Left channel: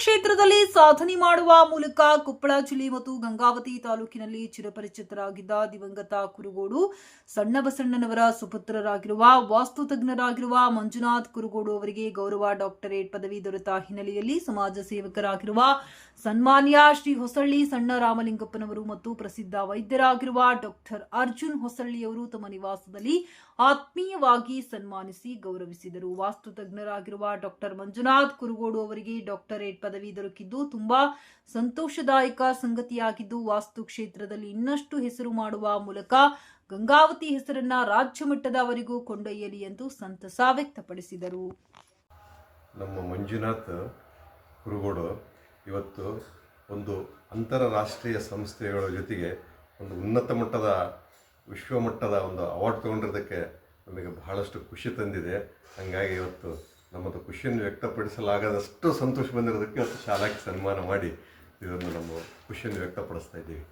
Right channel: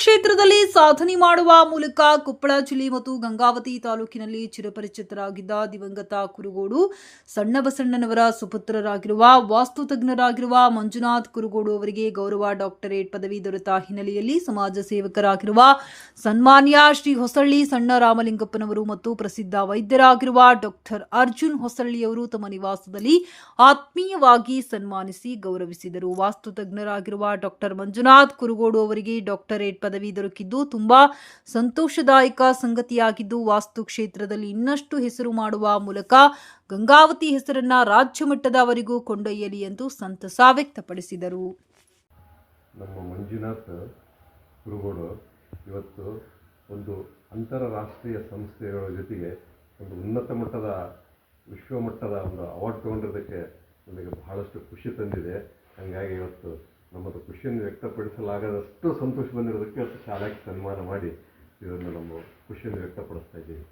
ಕ್ಷೇತ್ರದಲ್ಲಿ ಸಾಧನೆ ಮಾಡುವ ಮೂಲಕ ಕೊಪ್ಪಳ ಜಿಲ್ಲೆ ಮತ್ತು ಗಂಗಾವತಿ ತಾಲೂಕಿನಲ್ಲಿ ಚಿರಪರಿಚಿತರಾಗಿದ್ದ ದಿವಂಗತ ಕುರುಗೋಡು ಸಣ್ಣಬಸಣ್ಣನವರ ಸುಪುತ್ರರಾಗಿರುವ ವಾಸ್ತು ತಜ್ಞರಾಗಿರುವ ಮಂಜುನಾಥ್ ಕುರುಗೋಡು ಅವರಿಗೆ ಗೌರವ ಡಾಕ್ಟರೇಟ್ ಪದವಿ ದೊರೆತ ಹಿನ್ನೆಲೆಯಲ್ಲಿ ಸಮಾಜ ಸೇವಕರಾಗಿರುವ ಸನ್ಮಾನ್ಯ ಶ್ರೀ ಹೊಸಳ್ಳಿ ಸಣ್ಣ ರಾಮಲಿಂಗಪ್ಪನವರು ಮತ್ತು ಪ್ರಸಿದ್ಧ ವೈದ್ಯರಾಗಿರುವ ಡಾಕ್ಟರ್ ಅರ್ಜುನ್ ಹೊಸಳ್ಳಿಯವರು ತಮ್ಮ ನಿವಾಸದಲ್ಲಿ ಆತ್ಮೀಯವಾಗಿ ಸನ್ಮಾನಿಸಿ ಗೌರವಿಸಿದರು. ವಾಸ್ತು ತಜ್ಞರಾಗಿರುವ ಡಾಕ್ಟರ್ ಮಂಜುನಾಥ್ ಕುರುಗೋಡು ಅವರಿಗೆ ಡಾಕ್ಟರೇಟ್ ಪದವಿ ದೊರಕಿದ್ದು ತುಂಬಾ ಸಂತೋಷದಾಯಕ ಸಂಗತಿಯಾಗಿದ್ದು, ವಾಸ್ತು ಕ್ಷೇತ್ರದಲ್ಲಿ ಇನ್ನಷ್ಟು ಹೆಸರು ಮಾಡುವ ಮೂಲಕ ಗಂಗಾವತಿ ಹೆಸರನ್ನ ರಾಜ್ಯ ಮಟ್ಟದವರೆಗೂ ಕೊಂಡೊಯ್ಯಲಿ ಎಂದು ಸಂತಸ ವ್ಯಕ್ತಪಡಿಸಿದರು. ನಮ್ಮ ಮಂಜುನಾಥ್ ಕುರುಗೋಡು ಇವತ್ತು ಒಂದು ಅಂತಾರಾಷ್ಟ್ರೀಯ ಸಂಸ್ಥೆಗಳ ಜೊತೆಗೆ ಒಂದು ಉನ್ನತ ಮಟ್ಟದ ವಿಶ್ವಮಟ್ಟದ ಒಂದು ಅವಾರ್ಡ್ ತೊಗೊಂಡಿರೋದಕ್ಕೆ ನಮಗೆ ಬಹಳಷ್ಟು ಖುಷಿ ತಂದಿದೆ. ಹಾಗಾಗಿ ಇವತ್ತು ನಮ್ಮದು ಖುಷಿಯನ್ನು ವ್ಯಕ್ತಪಡಿಸಲಾಗದಷ್ಟು ಸಂತೋಷ ಬಂದಿರೋದಕ್ಕೆ ಇವತ್ತು ಶಾಲಾಕ್ಕೆ ಸನ್ಮಾನ ಮಾಡಿ ಇದನ್ನು ನಮ್ಮ ಖುಷಿಯನ್ನು ವ್ಯಕ್ತಪಡಿಸ್ತಾ ಇದ್ದೀವಿ.